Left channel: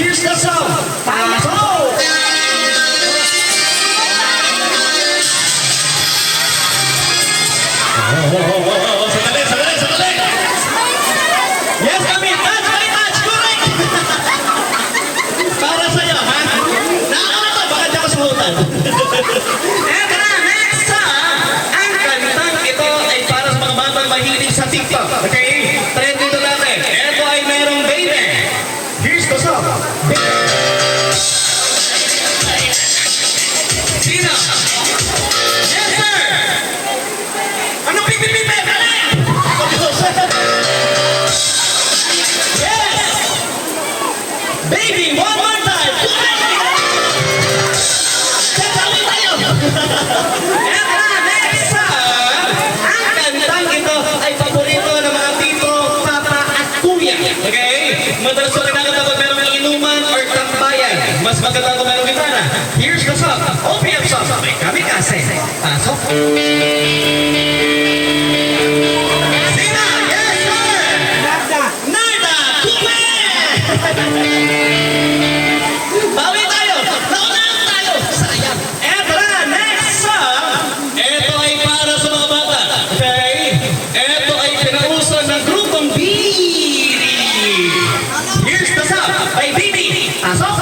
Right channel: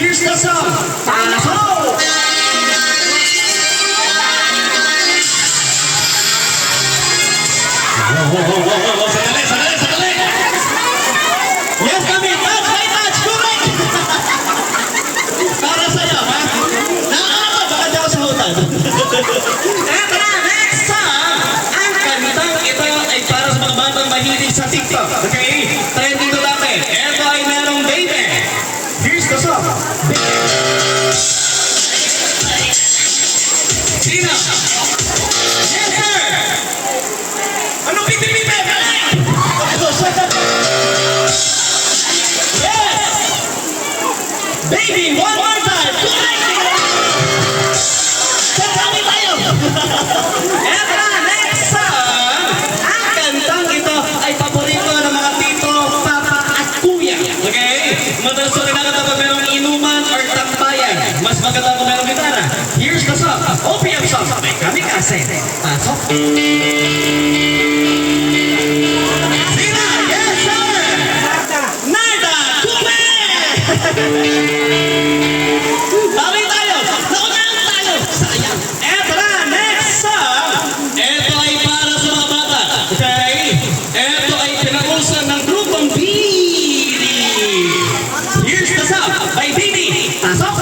Here's the song. Pasok! Sandali, sandali, sandali! Yes, kami! Touch, may touch! Correct! Para sa'yo, ha? Nakakata, baka di ako sumutan. Eto na, next song! Ang kantang ito ay para sa mga batang mahilig sa TikTok. Okay? Trending ito dati. Eto ay merong baby. Here's the song. Sino? Yes, sir! Anong pipi-pipi? Yes! Baby, one more time! Tatawin tayo! Eto na, next song! Ang kantang ito ay paborito ng mga tito, papa at kuya. Okay? Madalas ko kinakanta pag merong inuman or tambayan. Mas maganda kung merong gitara. Here's the song. OPM song. May kamikaze. Pasok. Sina! Yes, sir! Narda! Kume! Bawi tayo! Naunang tayo! Sayang! Eto na! Next song! Eto ay para sa mga bata. Okay? Eto ay pinausan ng grupong Biri. Here's the song. By Biri. Pasok!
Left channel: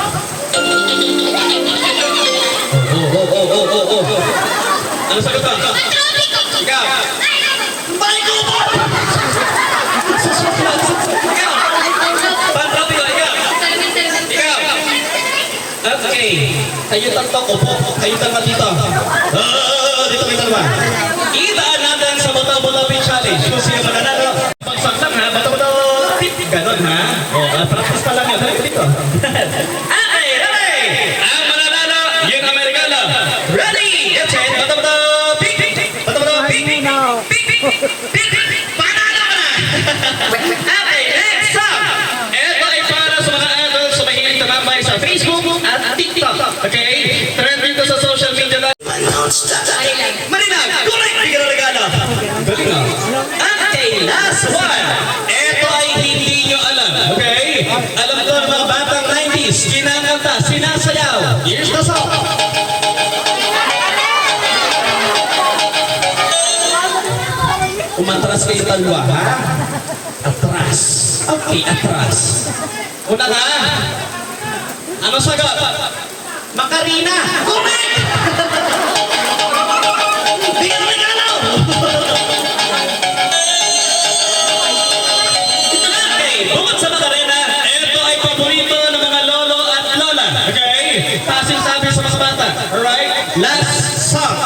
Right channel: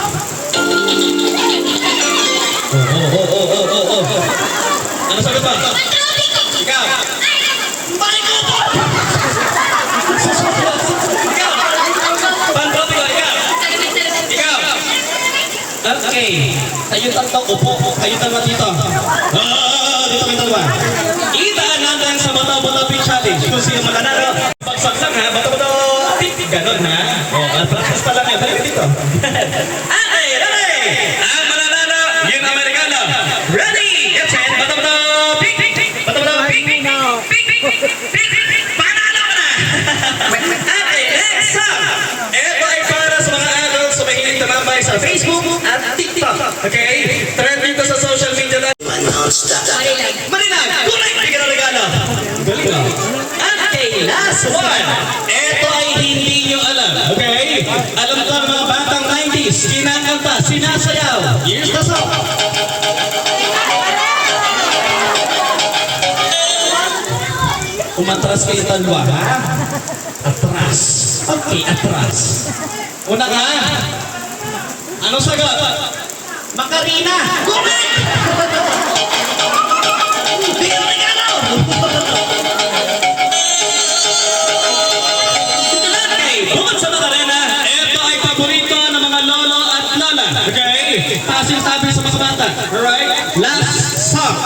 Ano sagot ba? Ikaw! Balikupo! Ikaw! Pantropiko, ikaw! Ikaw! Okay. Kayo tatlo, upo. Kayo tatlo dito. Dito kayo tatlo. Itaan natin sa Bata-Bata Challenge. Kung sino mananalo. Pagsak lang ha. Bata-Bata. Ganon ha. Practice pa lang yan. Halika dito. Okay, ready! Ang mananalo, yung Amerikano. Ready! Get set. Bata-Bata. Okay, next song! Ito ay para sa mga adults sa mahilig tumambay sa Facebook at TikTok. Okay? Trend dito sa social media na. Marinag! Correct! Hindi ka na regalo. Galing na. Okay, last one. Ito ay hindi nyo alam. Okay? Alam ko ng mga batang 90s. Kinakanta, sinasayaw. Here's the song. Umatras kayo talwa, ha? Atras. Okay, atras. Una ka. Ano sagot? Macarena. Correct! Di ka regalo! Okay, bukod sa Macarena, ito ay paborito ng mga lolo at lola. Okay? Pasing sabi sa mga bata. Alright? Last song.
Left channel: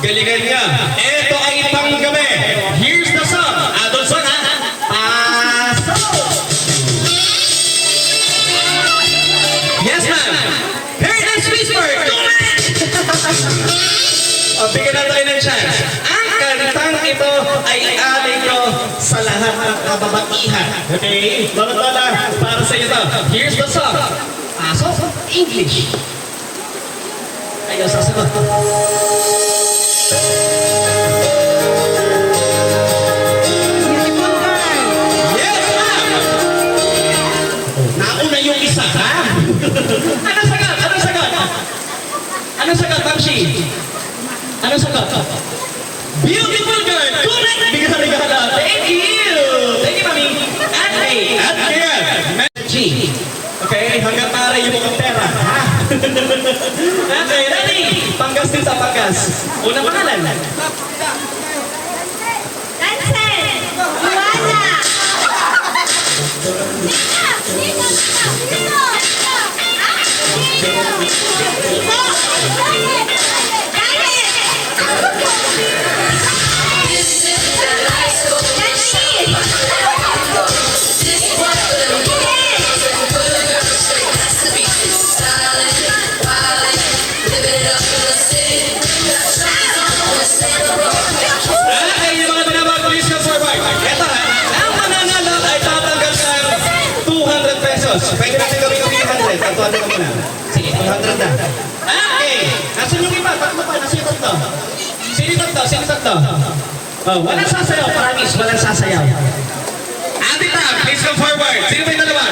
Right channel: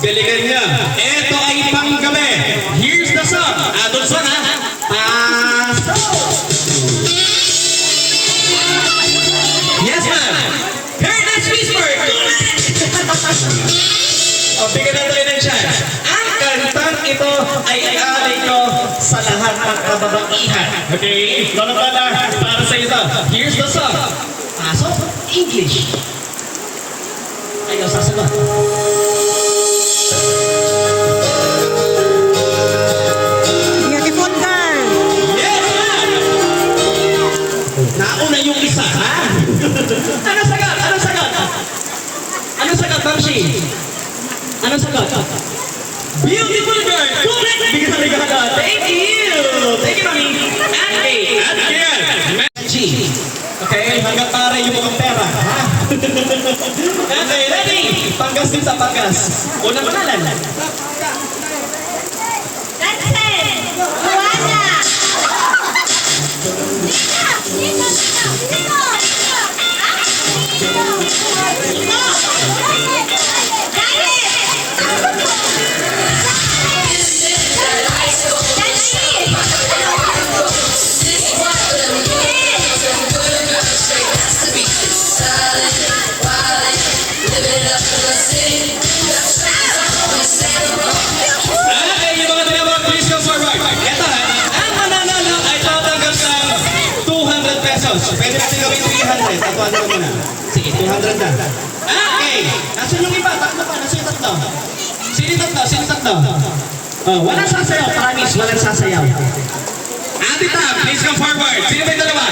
Galingan niya. Ito ay panggabi. Here's the song. Adult song, ha? Pasok! Yes, ma'am. Paradise Whisper. O, bigyan na tayo ng chance. Ang kantang ito ay alay nyo sa lahat ng kababaihan. Okay? Bala-bala, para sa iyo ito. Here's the song. Pasok. English. Ayaw, sasagot. Nauna yung isa, ha? Ano sagot? Ano sagot? Ano sagot, Tamshi? Ano sagot? Beautiful girl! Correct! Bigyan na regalo. Thank you! Thank you, mami. At kaya, G. Okay, hanggang taray yung mga pera, ha? Okay, ready? Panggas din sa panggas. Unang pangalan. Pwede natin gawin 300. Tatuan naman muna. Sige, 200 na. Okay. Asan yung iba? Tatlo pa. Nasa yung tatlo? Sino tatlo? Sino tatlo? Oh, walang sasayaw. Promise, walang sasayaw. Ate Tab, please come forward. Sino ba yung dalawa?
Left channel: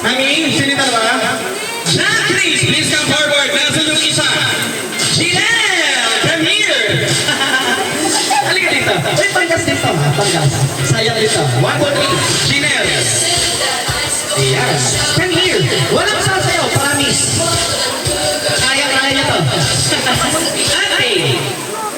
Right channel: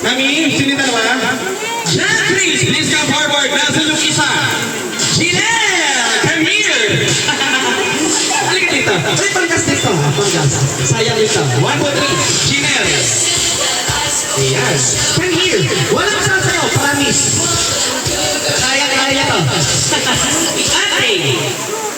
Mami, sino yung dalawa? Please, please come forward. Nasa yung isa. Jinelle, come here. Halika dito. Uy, panggas dito. Panggas. Sayang dito. 1, 2, 3. Jinelle. Ayan. Come here. Walang sasayaw. Promise. Kaya to. Okay.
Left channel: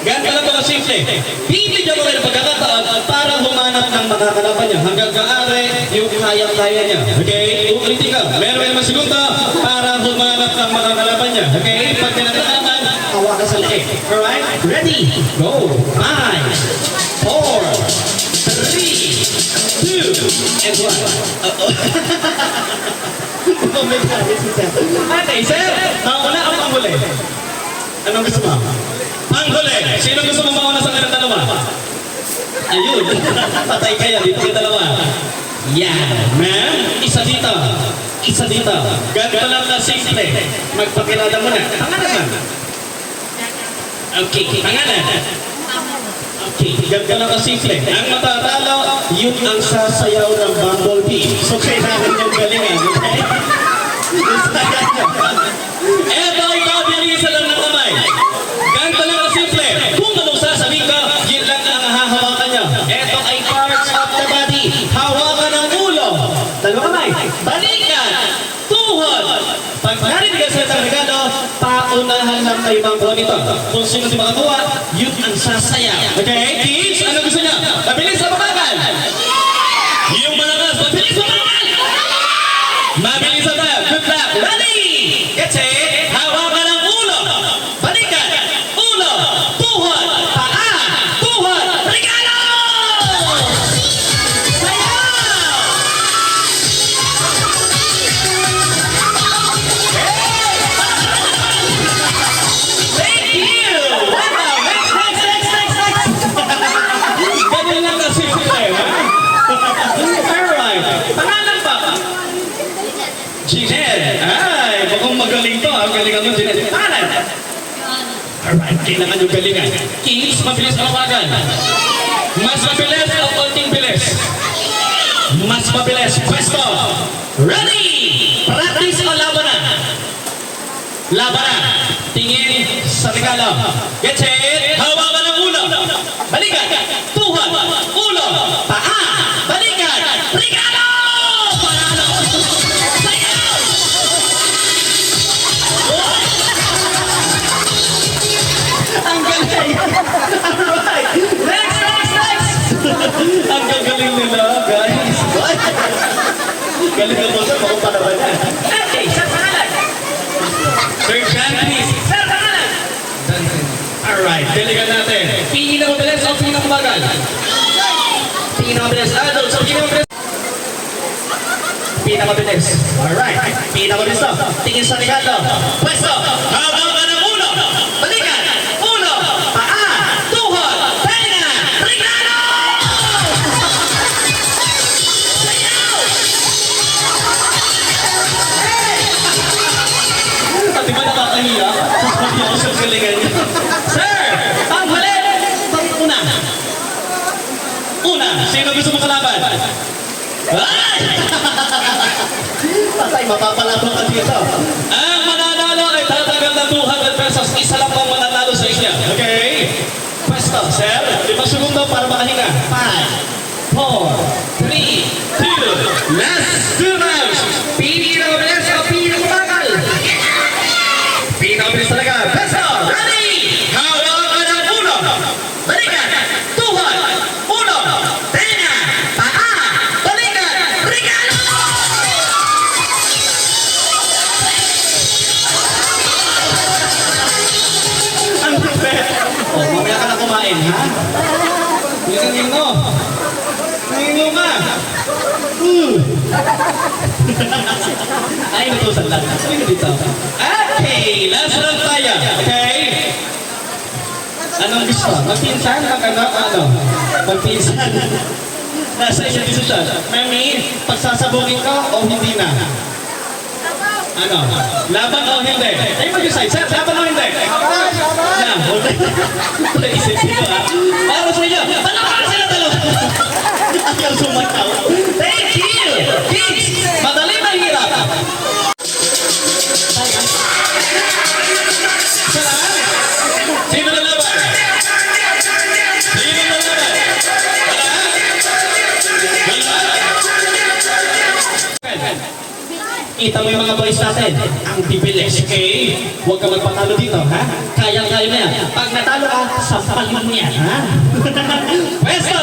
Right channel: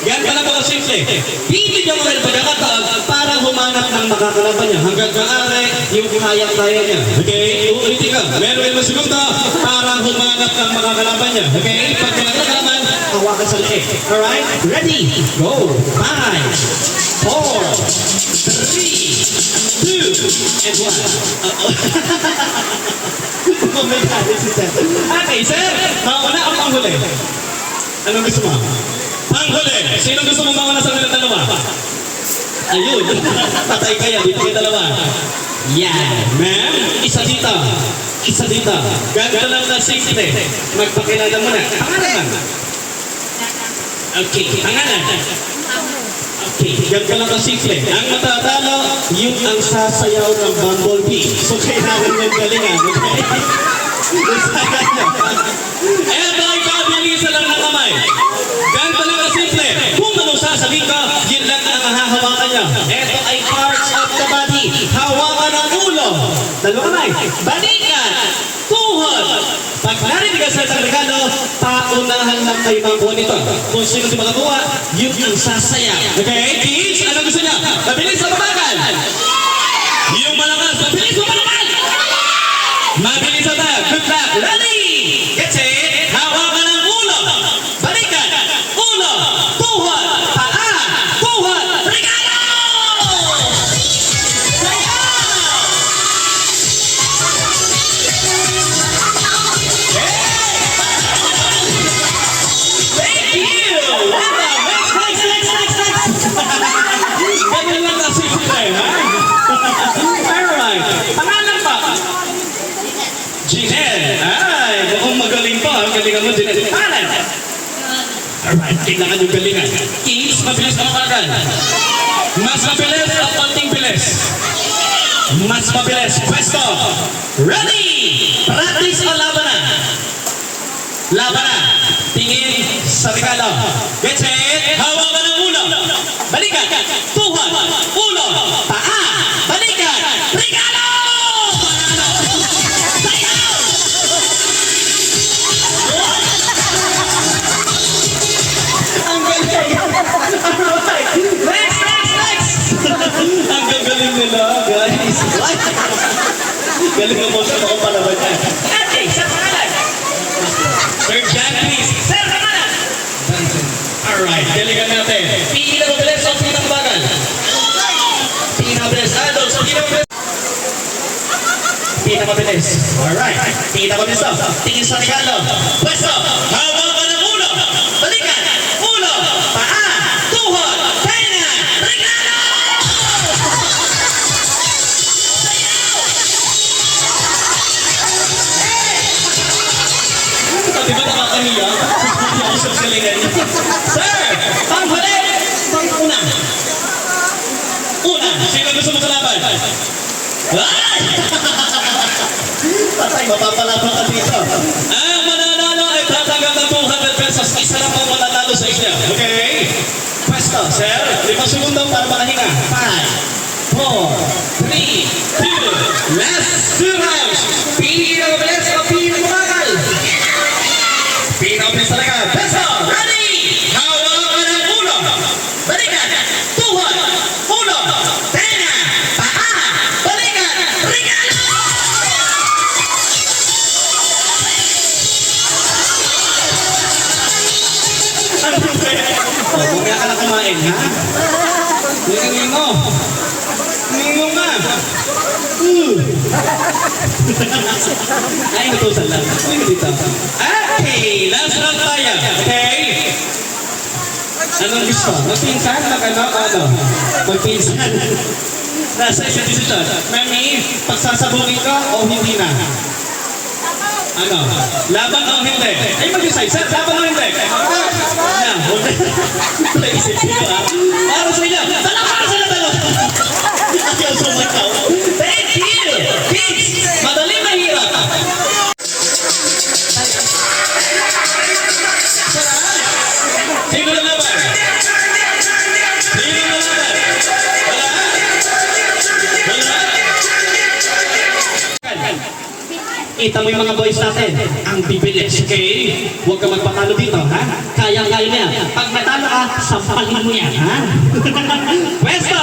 Ganun pala mga simple. Bibigyan mo kayo ng pagkakataon para humanap ng makakalaban niya. Hanggang kaare yung kaya-kaya niya. Okay? Uulitin ka. Meron yung segunda para humanap ng makakalaban niya. Okay? Pag kinakalaban, hawakan sa leeg. Alright? Ready? Go! 5, 4, 3, 2, and 1. Oh my God, this is that. Okay, sir. Mauna ang panghuli. Anong gusto mo? Panghuli. Sino gusto mong mauna sa mga dalawa? Ayun. Patay kaya dito kayo dalawa. Yan. Ma'am, isa dito. Isa dito. Ganda lang na simple. Magpakilala mo na. Pangalan lang. Okay, pangalan. Okay, ganda lang na simple. Ang matatalo, yung ang sasayaw ng bumblebee. So, kailangan yung galingan. Okay? Eto, ikaw, bilisan lang ng kamay. Ganito lang ang simple. Kung anong sasabihin ko, yun lang ang hahawakan niya. Eto ay parts of the body. Hawakan ng ulo. Dalawang kamay. Balikan. Tuhod. Pag narinig ka sa Regalo, paunahan lang kayo mga buwan nito. Kung sino si makakuha, yun ang sasaya. Okay? Kids, ano gusto niya? Mabilis sa mabagal. Yung malakas, mabilis sa mabagal. Mabilis sa tayo. Good luck. Ready? Get set. Hawakan ng ulo. Balikan. Ulo. Tuhod. Paa. Tuhod. Regalo! Thank you! Wow! Next! Ganyan lang kasi sila eh. Alright. Pangalan pa. Jinelle. Ay, mukhang magaling to. Ang galingan mo, Jinelle. Pangalan. Alright, kailangan yung galingan. Kids, mabilis na mabagal. Mas mabilis o konting bilis? Mas mabilis. Pwesto. Ready! Practice o laban na? Laban na. Tingin sa regalo. Get set. Hawakan ng ulo. Balikan. Tuhod. Ulo. Paa. Balikan. Regalo! Panalo! Ang galing! Alright! Next! Ang gagaling nila, guys. Galing na mo sa mga palaban. Okay, sir, pangalan. Sir John, please. Sir, pangalan. Alright, daligan natin. Pinakabilis o pinakabagal? Pinakabilis. Adults, pinakabilis. Pinakabilis. Alright. Pinakabilis to. Tingin sa regalo. Pwesto. Hawakan ng ulo. Balikan. Ulo. Paa. Tuhod. Tenga. Regalo! Di ba nakakamiya? Hindi ako sa galingan. Sir! Panghuli! Una. Una. Sino gusto mo kalaban? Ay! Tatay, mapapalaban ka dito. Ang mananalo ay tatagal na 200 pesos. Isa lang po mananalo sa inyo. Okay? Pwesto, sir. 5 segundo para makahinga. 5, 4, 3, 2. Last 2 rounds. Pinakabilis o pinakabagal? Pinakabilis talaga. Pwesto, ready? Hawakan ng ulo. Balikan. Tuhod. Ulo. Tenga. Paa. Balikan. Regalo! Huwag ka na kumain, ha? Hingin mo. Hingin mo nga. Ay, natusan lang. Hingin dito. Okay, last round tayo. Okay? Anong gusto? Magpinsan? Ano? Magpinsan. Nasa isang decision. Mami, pagsasabungin ko o hindi na? Ano? Laban o hindi? Ay, mag-decide. Sir, laban o hindi? Laban! Naisip sila, ha? Para sa inyo. Para sila dalawa. Ayaw sumakaw. Thank you! Kids, madali mahirap. Kita mo yung mga boys natin, ang bibilis, okay? Huwag ka magpatalo dito, ha? Kayang-kaya mo yan. Pag natalo ka, sampalin mo yan, ha? Pwesto,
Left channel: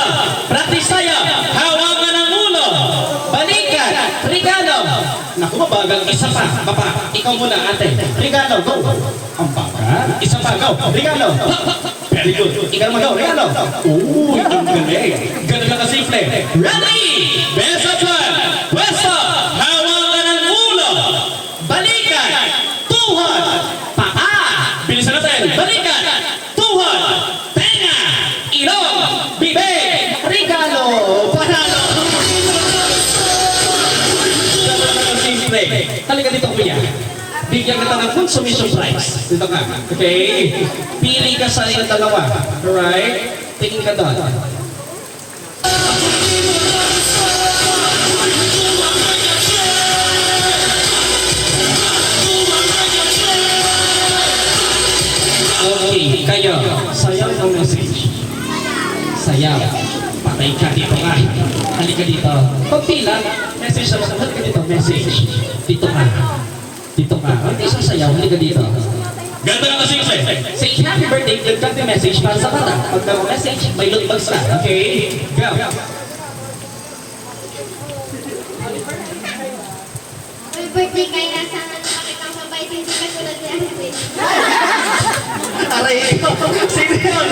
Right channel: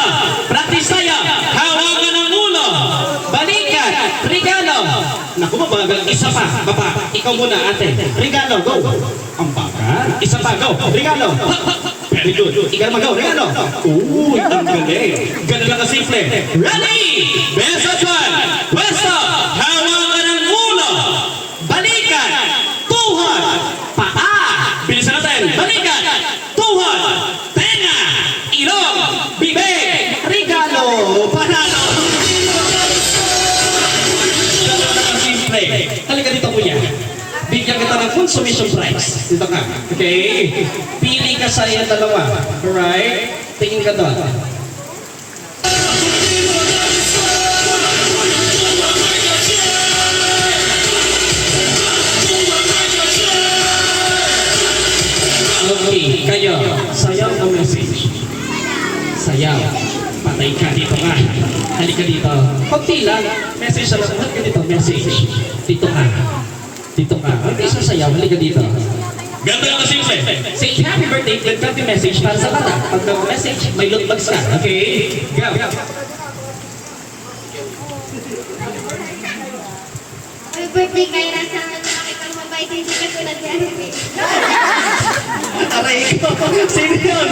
practice tayo. Hawakan ng ulo, balikan, regalo. Naku, mabagal, isa pa, baba. Ikaw muna, ate. Regalo, go. Ang bagal. Isa pa, go. Regalo. Very good. Ikaw naman, go. Regalo. Uy, ang galing. Ganun lang kasimple. Ready? Best of one. Pwesto, hawakan ng ulo, balikan, tuhod, paa. Bilisan natin. Balikan, tuhod, tenga, ilong, bibig, regalo, panalo. Ganun lang kasimple. Halika dito, kuya. Bigyan kita ng consummation prize. Dito ka. Okay? Pili ka sa iyong dalawa. Alright? Tingin ka doon. Okay, kayo. Sayaw ang message. Sayaw. Patay ka dito ka. Halika dito. Kunti lang. Message lang. Halika dito. Message. Dito ka. Dito ka. Hindi siya sayaw. Halika dito. Ganda lang kasi say happy birthday. Ganda yung message para sa bata. Pag message, may loot bags ka. Okay? Go. Happy birthday kay Rasa na nakakitang mabait hindi katulad ni Arvin. Aray, sino yun?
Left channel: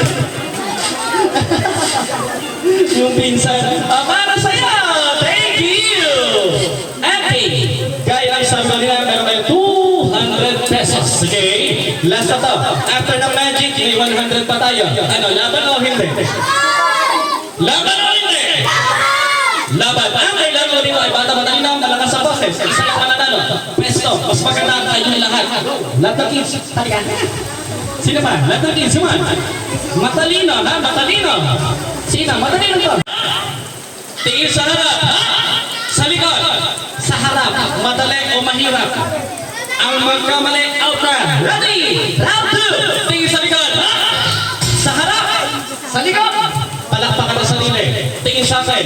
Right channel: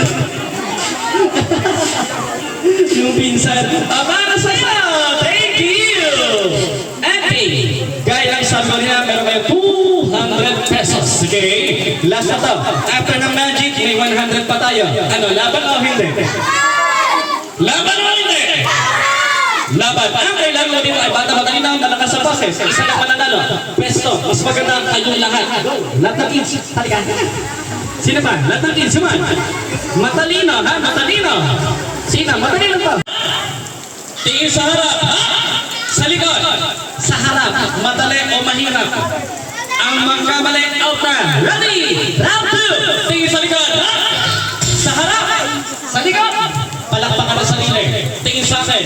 Yung pinsan. Para sa'yo! Thank you! Auntie, gaya ng sabi ko niya, meron kayo 200 pesos. Okay? Last na to. After ng magic, may 100 pa tayo. Ano, laban o hindi? Laban o hindi? Laban. Ang kailangan mo dito ay bata-bata lang dalawa sa boses. Isa ka panadalo. Presto, mas maganda ang kayong lahat. Lahat ng kids, halika. Sino ba? Lahat ng kids, suman. Matalino, ha? Matalino. Sino? Matalino to. Tingin sa harap. Ha? Sa likod. Sa harap. Madali o mahirap. Ang magkamali, out na. Ready? Round 2. Tingin sa likod. Ha? Sa harap. Sa likod. Palakpakan ang sarili. Tingin sa akin.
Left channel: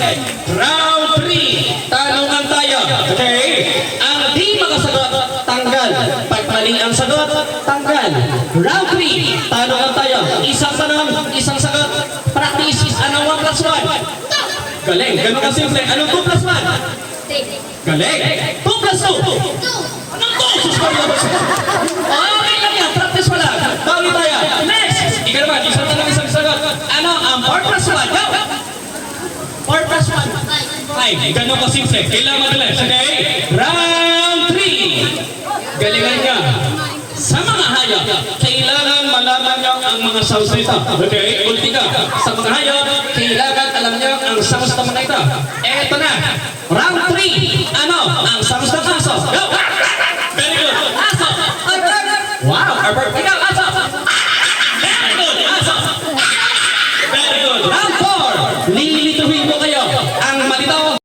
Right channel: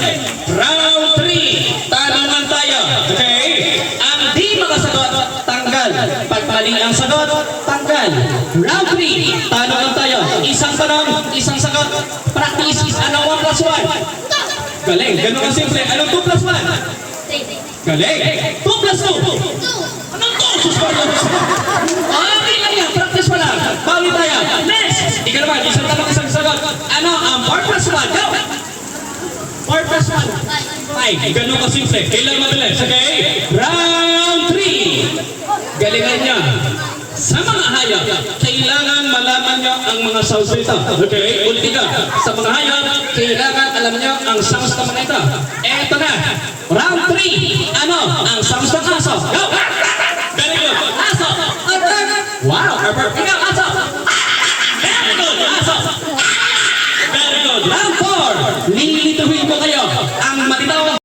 Round 3. Tanungan tayo. Okay? Ang di makasagot, tanggal. Pag mali ang sagot, tanggal. Round 3. Tanungan tayo. Isang tanong, isang sagot. Practice is anong 1 plus 1? Galing. Ganun ka simple. Anong 2 plus 1? Galing. 2 plus 2? Anong 2? Okay lang yan. Practice mo lang. Bawi tayo. Next. Hindi ka naman. Isang tanong, isang sagot. Ano ang 4 plus 1? Go! 4 plus 1? Ay, ganun ka simple. Kailangan madalas. Okay? Round 3. Galingan niya. Sa mga hayop, kailangan malaman niyo ang mga sounds nito. Okay? Ulti ka. Sa mga hayop, kailangan alam niyo ang sounds ng mga ito. Eto na. Round 3. Ano ang sounds ng aso? Go! Very good. Aso. Wow. Perfect. Ikaw.